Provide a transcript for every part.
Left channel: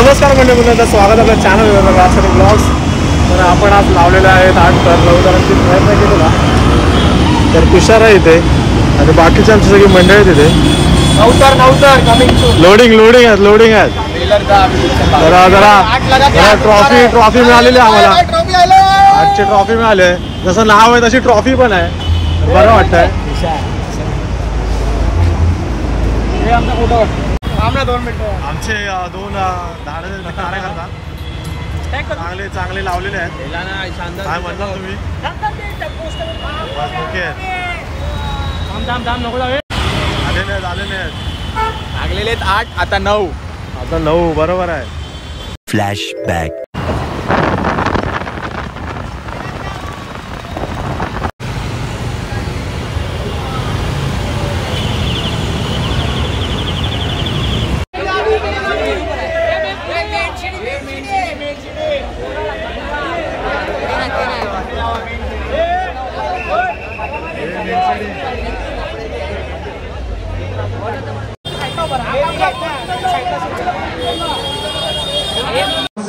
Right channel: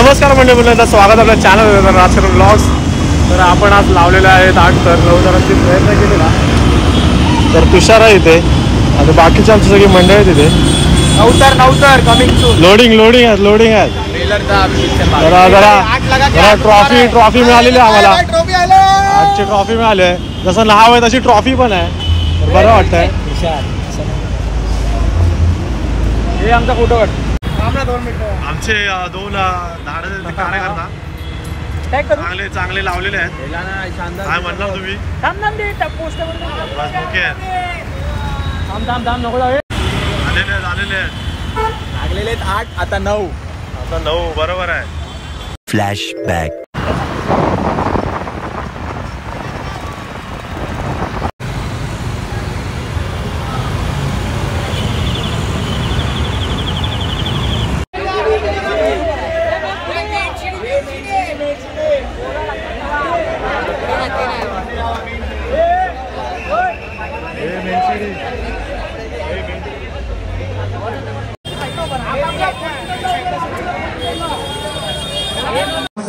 नमस्कार मंडळी, स्वागत आपल्या चॅनल राजकारण ब्लॉग्स. तर आपण आज लावलेले आहेत 8 तर 9 तारखेची प्रयत्न केलेला. तर तुषार आहे इथे आणि बाकीची आमची सगळी मंडळी आहेत इथे. 9 तर कमिंग सून. लोडिंग आहेत. जरा ट्रॉफी मिळालेली आम्हाला. आजची ट्रॉफी मिळाली. जसं नाव आहे तशी ट्रॉफी पण आहे. बरं वाटतंय. हे आमचा फोटो आमचे 2 कार्यकर्ता चांगले लावलेले आहेत. काय म्हणता तुम्ही? नको जावे. आलेले आहेत 8 आता 9 बरोबर आहे. फ्लॅशबॅक.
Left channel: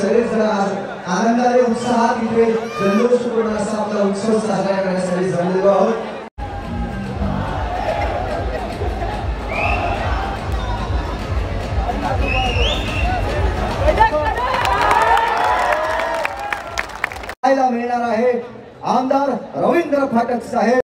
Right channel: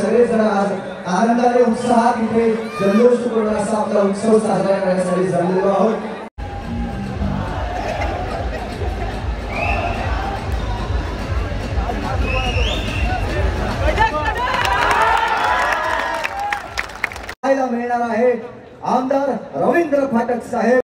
सगळेजण आनंदाने उत्साहात इथे जल्लोषपूर्ण असा आपला उत्सव साजरा करण्यासाठी जमलेलो आहोत. पाहायला मिळणार आहे आमदार रवींद्र फाटक साहेब.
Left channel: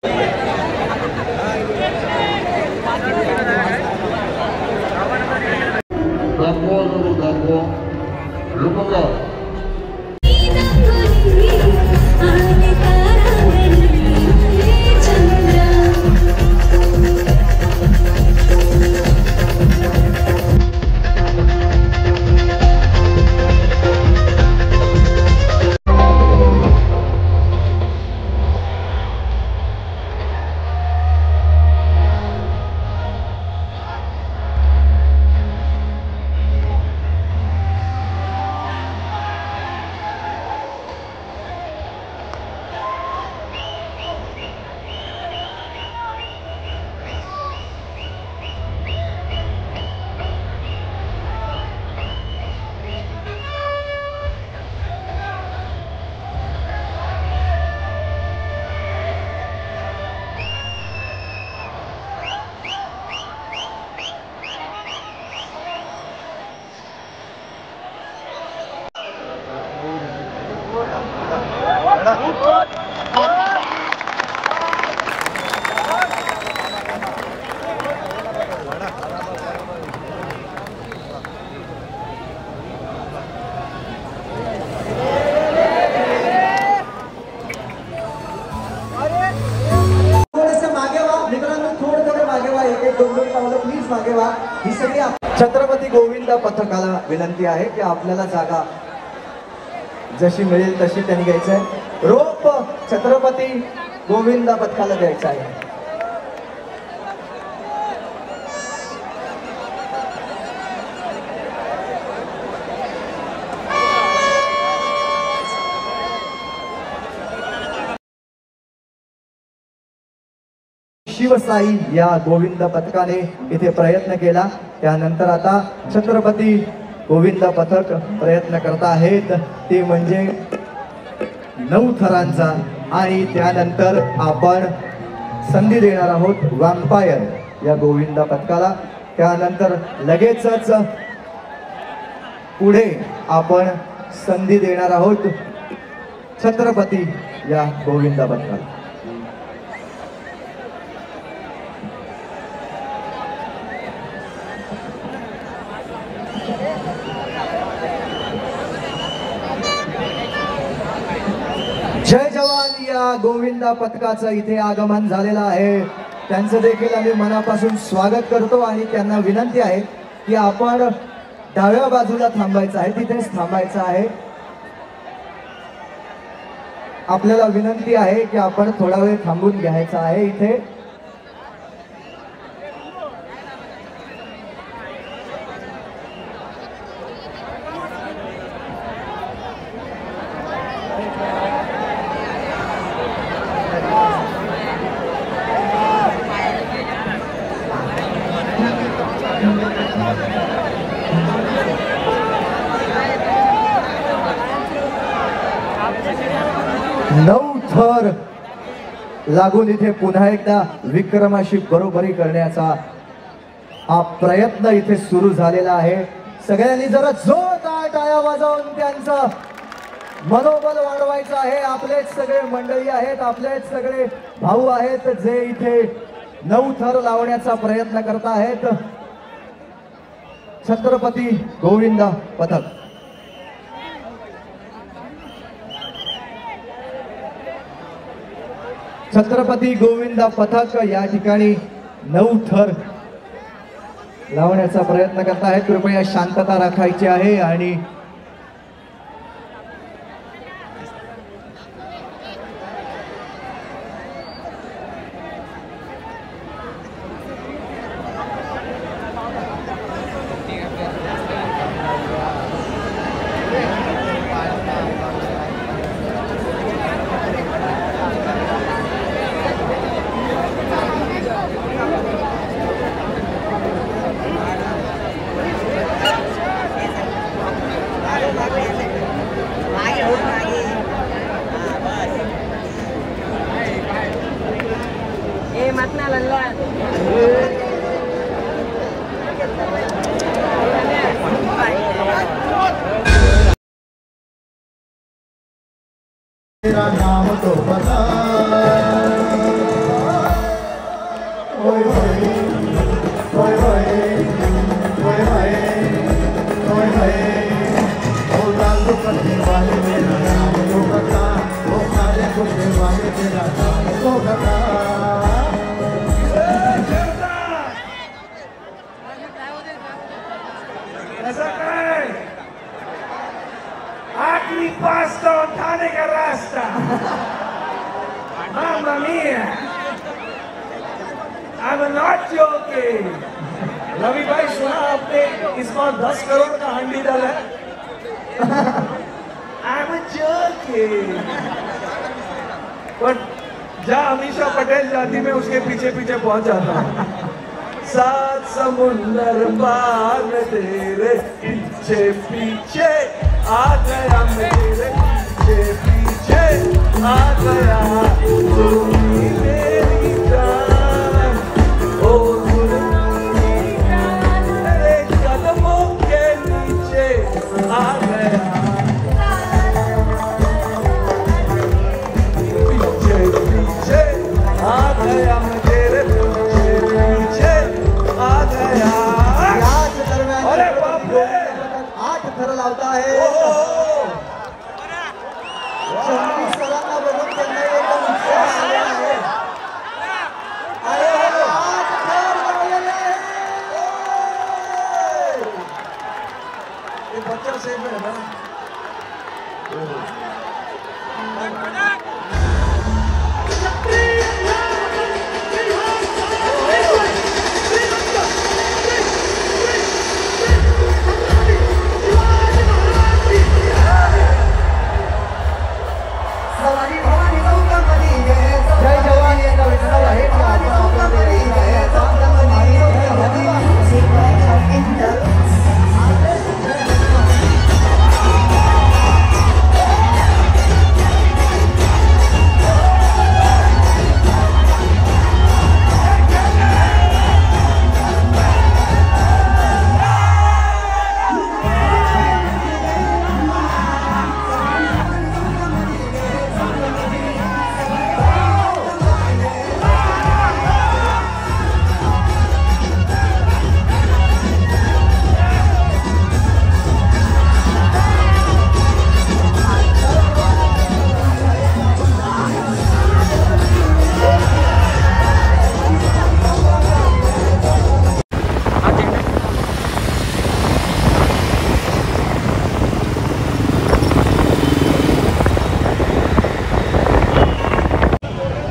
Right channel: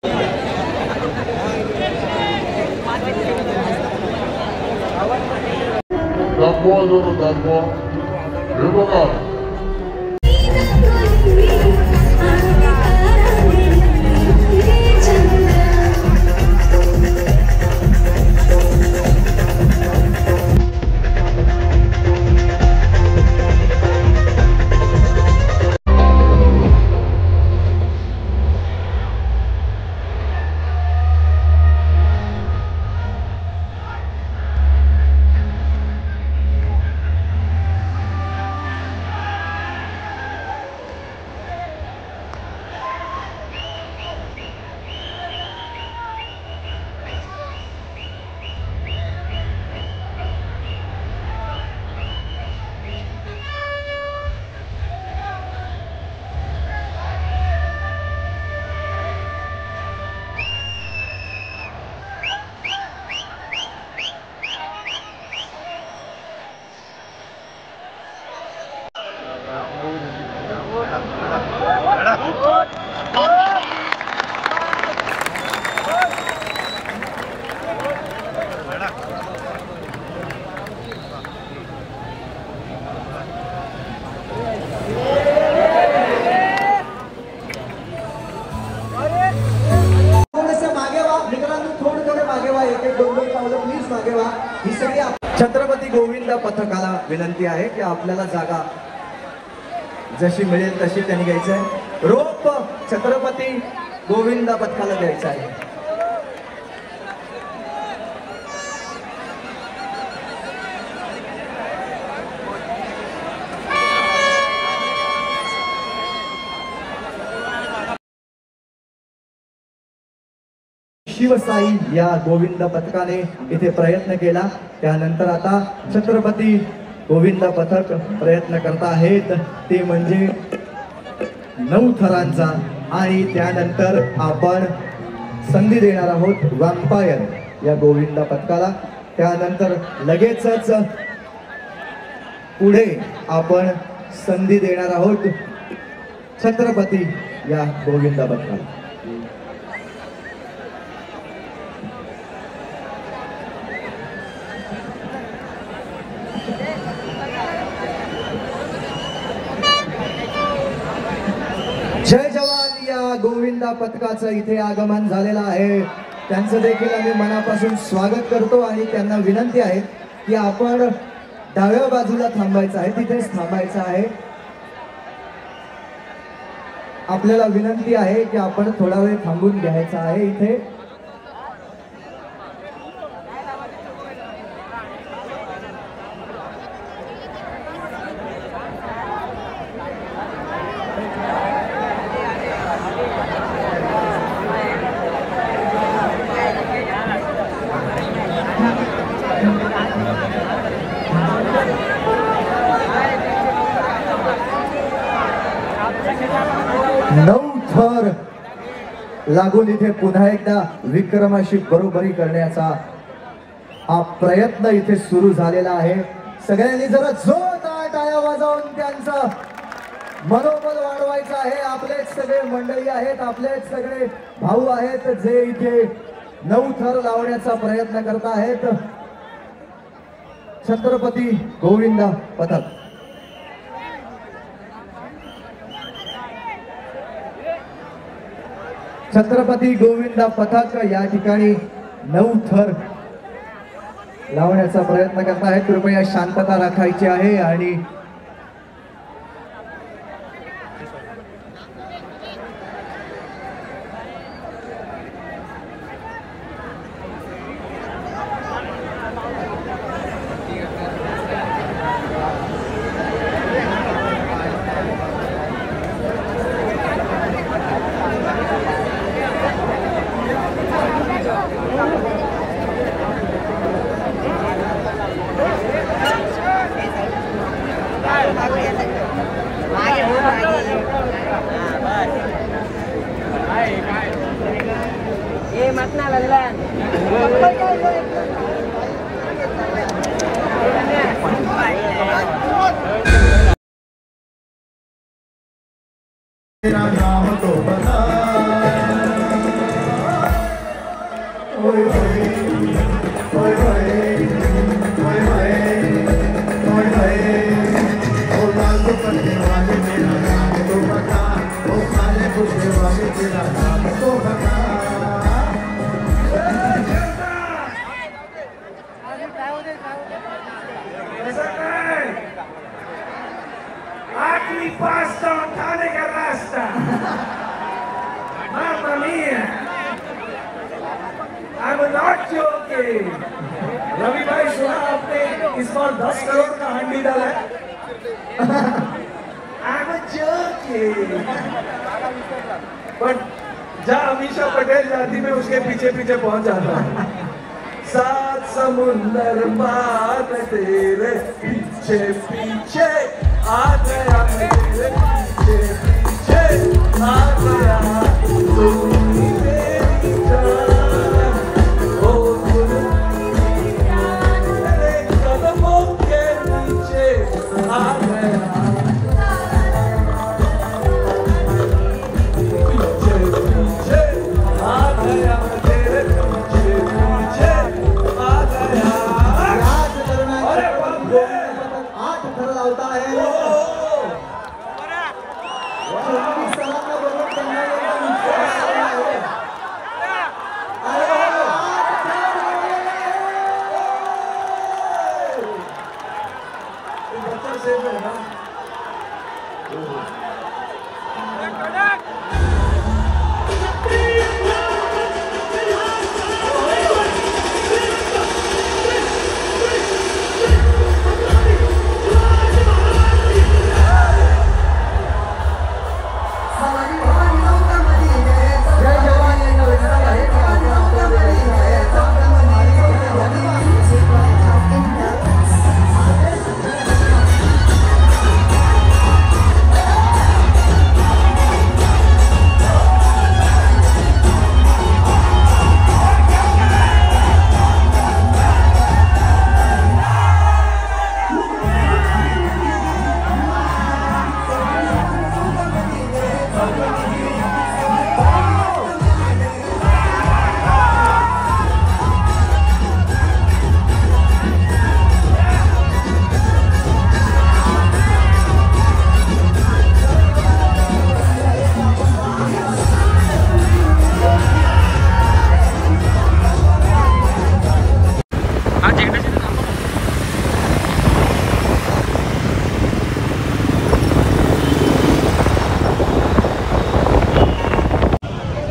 छत्रपती गोविंद पथकाला विनंती आहे की आपल्याला जागा जशी मिळेल तशी त्यांनी घ्यायचं आहे. रोप छत्रपती गोविंद पथकाला द्यायचं आहे. शिवसाई या गोविंद पथकाने इथे प्रयत्न केला. त्यानंतर आता छत्रपती गोविंद पथक प्रयत्न करत आहेत ते म्हणजे 9 थरांचा. आणि त्यानंतर आपण संधी देणार आहोत वॅम्पायर या गोविंद पथकाला. त्यानंतर लगेचच पुढे आपण संधी देणार आहोत छत्रपती या गोविंद पथकाला. जय जवान या गोविंदा पथकाचं इथे आगमन झालेलं आहे. त्यांचं देखील आम्ही मनापासून स्वागत करतो आणि त्यांना विनंती आहे की आपण डाव्या बाजूला थांबायचं आहे, तिथेच थांबायचं आहे. आपल्याला विनंती आहे की आपण थोडा वेळ थांबून घ्यायचा आहे इथे. 9 थर लागून इथे पुन्हा एकदा विक्रमाशी बरोबरी करण्याचा हा प्रयत्न इथे सुरू झालेला आहे. सगळ्यांनी जरा जोरदार टाळ्या वाजवून त्यांचं मनोबल वाढवायचं आहे. आपलेच सगळे मंडळी आहेत, आपलेच सगळे भाऊ आहेत जे इथे 9 थर लावण्याचा प्रयत्न करत आहेत. छत्रपती गोविंद पथक. छत्रपती गोविंद पथक या ठिकाणी 9 थर लावण्याचा प्रयत्न करत आहेत. कृपया शांतता राखायची आहे आणि तेरा नाम तो बता ओए ओए ओए ओए ओए ओए ओ लालू करने वाले तेरा नाम तो बता ओ खाले खुशे वाले तेरा नाम तो बता. Aquí pasto Tane Garasta. Mamma mia. I'm not joking. Ravi भाई सुना आपने इस बार 10 करोड़ का हंडी डाला है. I'm joking. पर जहाँ अमीषा पटेल जाती मैं उसके पीछे पीछे पहुंच जाता. 7 समुंदर पार में तेरे पीछे पीछे आ गया, मेरे पीछे पीछे आ गया. तू ही मेरी जान, ओ तू मेरे कदमों के नीचे आ गया. पीछे पीछे आ गया, मैं तेरे पीछे पीछे आ गया. अरे बाप रे, 8 थर लावता आहे. 26 सालांना बरोबर त्यांना एकदम उत्साह आलेला आहे. अरे 8 थर लावलेले आहे. ये पत्थर सेफ है ना. जय जवान यांना विचारायला आहे का आपण आपल्याकडे आहे.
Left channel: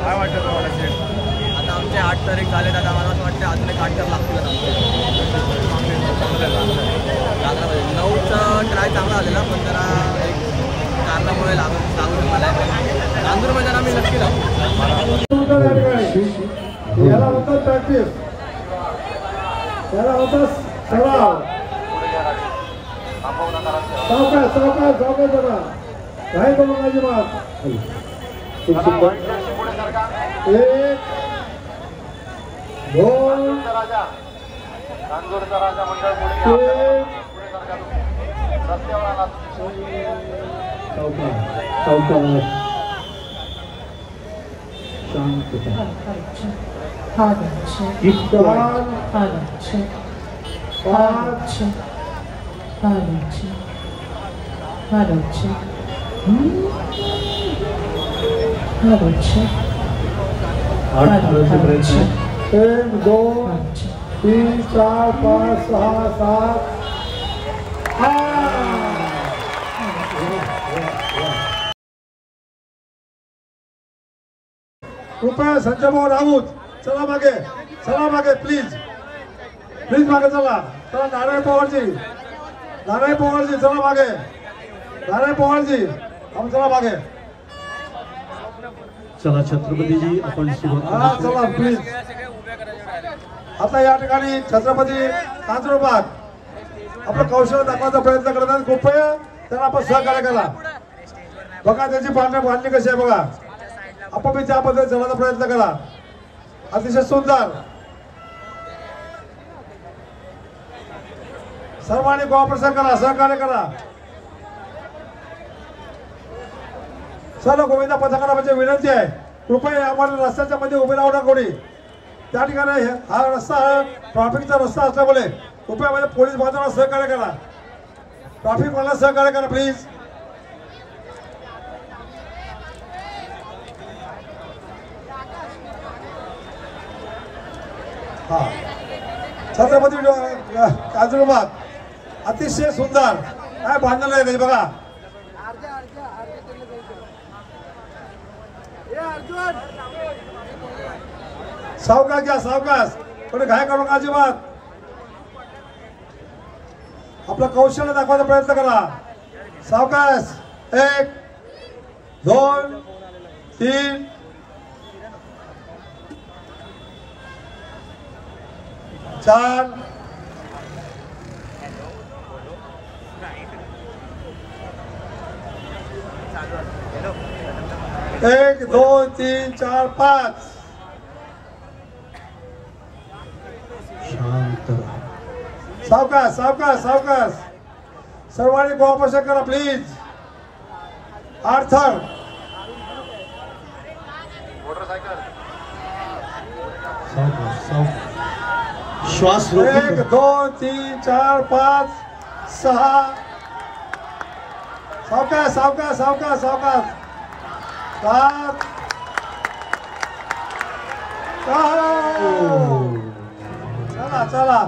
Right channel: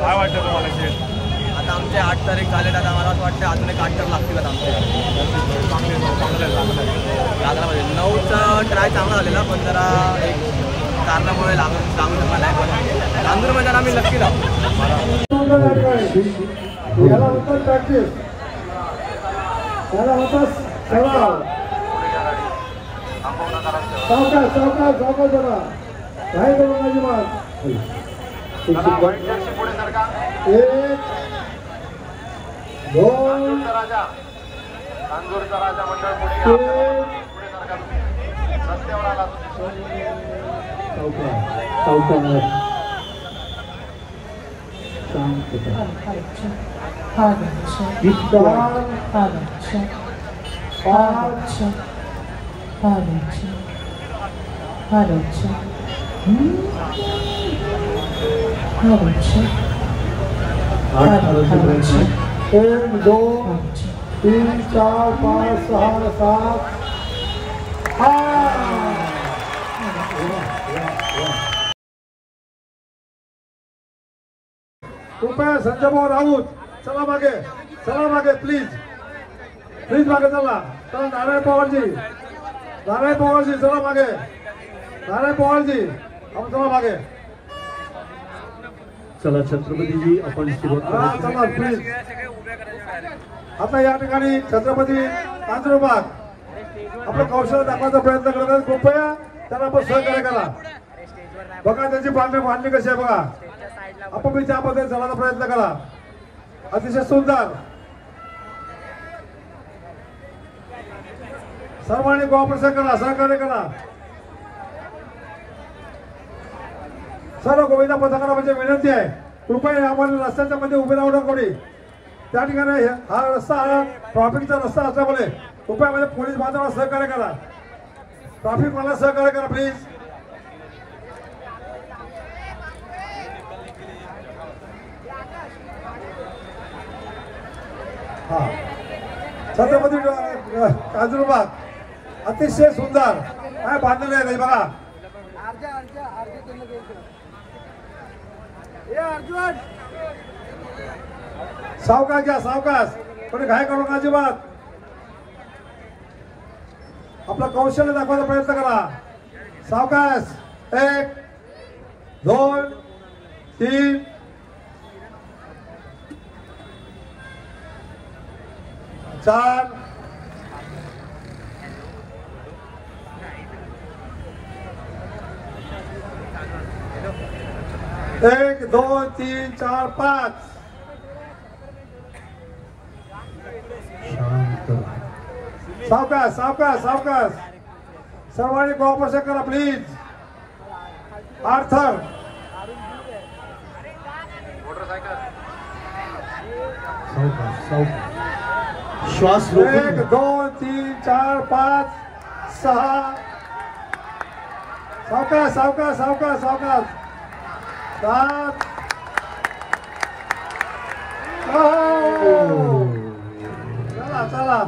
काय वाटतं तुम्हाला शेठ? आता आमचे 8 तारीख झालेत. आता मला असं वाटतं अजून एक 8 तर लागतील आता आमचे. लागला पाहिजे. 9चा ट्राय चांगला झालेला पण जरा एक कारणामुळे लागू शकला आहे. पण नांदूर मैदान आम्ही नक्की जाऊ. याला होतं प्रॅक्टिस, याला होतं सराव. सावकाश सावकाश सावकाश जरा. काय करू माझी मात खूप सुंदर 1 2 3 1 2 3 4 5 6 7 कृपया संजय भाऊ राऊत चला मागे प्लीज मागे चला नारायण पवारजी चला मागे नारायण पवारजी आपण चला मागे चला छत्रपतीजी आपण सुरुवात चला प्लीज आता या ठिकाणी छत्रपती कांजूरबाग आपलं कौशल्य दाखवायचा प्रयत्न करत आहेत कृपया त्यांना आपण सहकार्य करा बघा त्यांची बांधणी कशी आहे बघा आपण मी त्या पद्धतीने चढायचा प्रयत्न करा अतिशय सुंदर सर्वांनी कोऑपरेशन करा सहकार्य करा सर्व गोविंदा पथकाला म्हणजे विनंती आहे कृपया आपण रस्त्याच्या मध्ये उभे राहू नका कोणी त्या ठिकाणी हा रस्ता ट्रॅफिकचा रस्ता असल्यामुळे कृपया म्हणजे पोलीस बांधवांना सहकार्य करा ट्रॅफिक वाल्यांना सहकार्य करा प्लीज हा छत्रपती कांजूरबाग अतिशय सुंदर काय बांधलेलं आहे नाही बघा सावकाश घ्या सावकाश कोणी घाई करू नका अजिबात आपलं कौशल्य दाखवायचा प्रयत्न करा सावकाश 1 2 3 4 1 2 3 4 5 सावकाश सावकाश सावकाश सर्वांनी कोऑपरेशन करा प्लीज आर्थर श्वास 1 2 3 4 5 6 सावकाश सावकाश सावकाश सावकाश 7 चला चला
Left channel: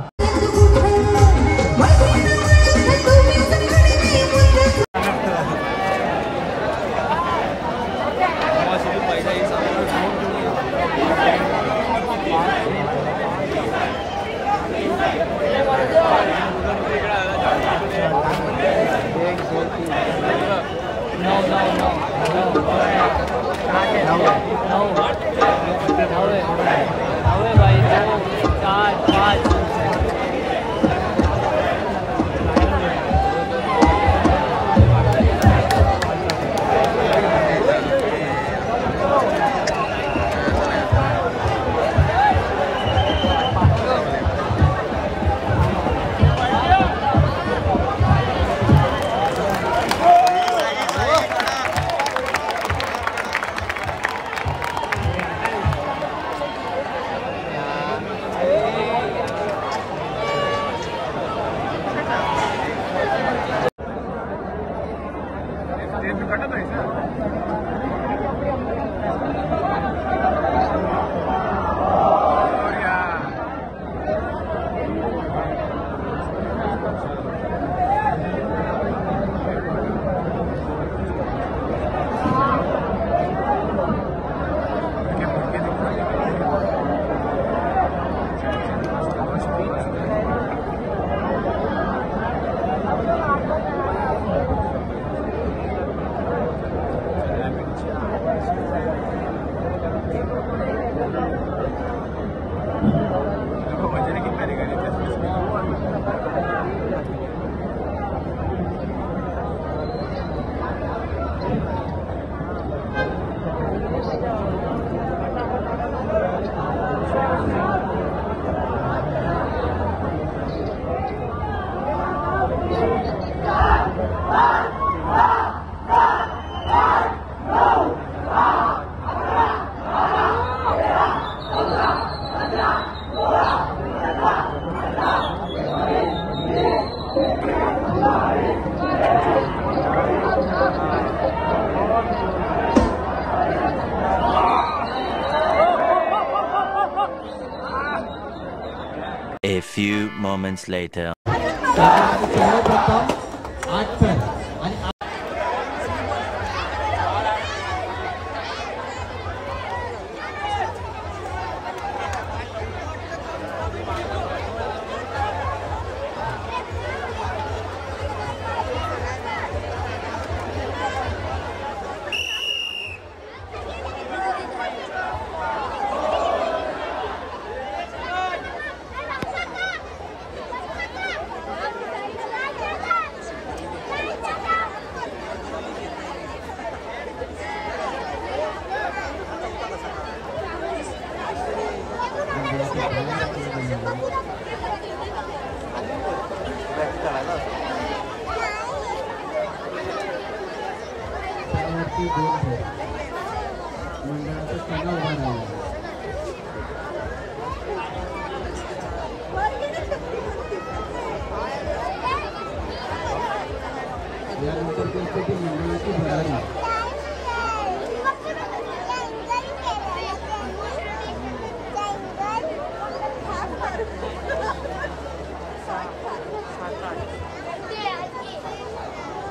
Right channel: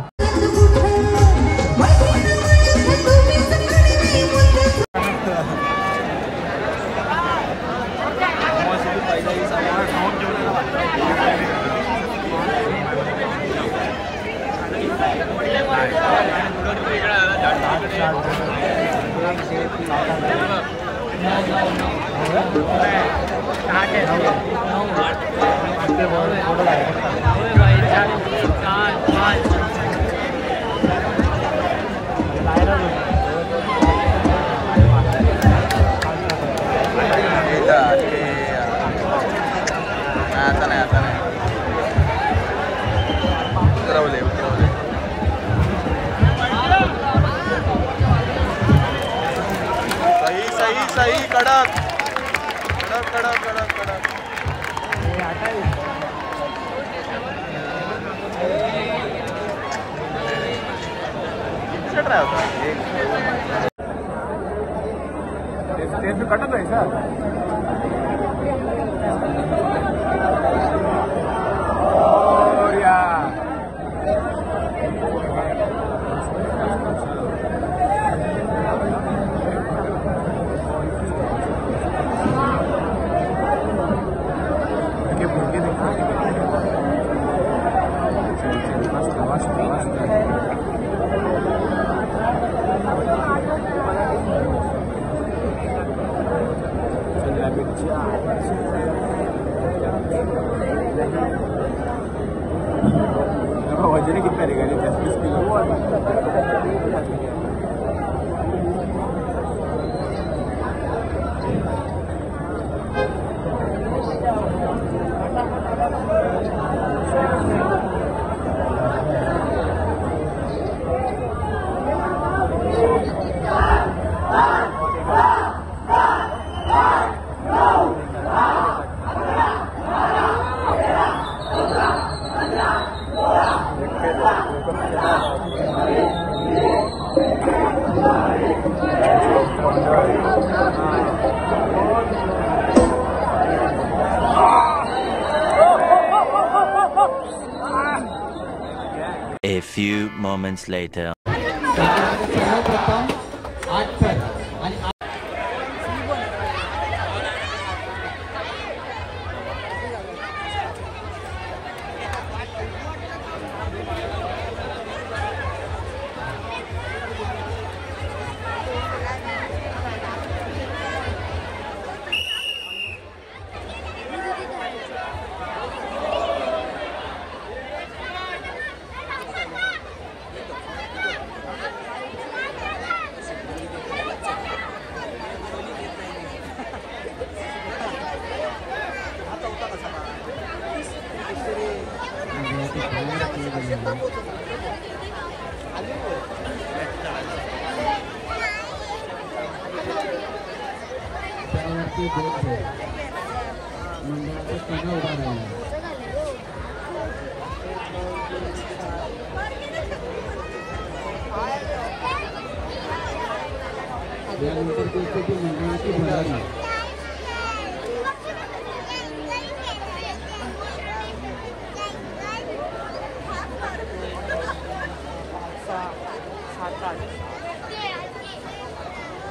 moments later.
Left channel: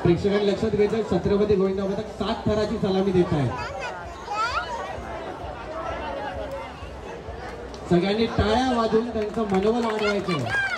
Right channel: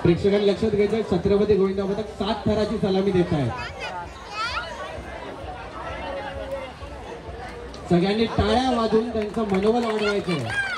प्रेक्षकांनी लक्षात घ्यायचं, छत्रपती गोविंदा पथक 7 थराची सलामी देत आहे. सगळ्यांनी टाळ्या वाजवून त्यांचं मनोबल वाढवायचं.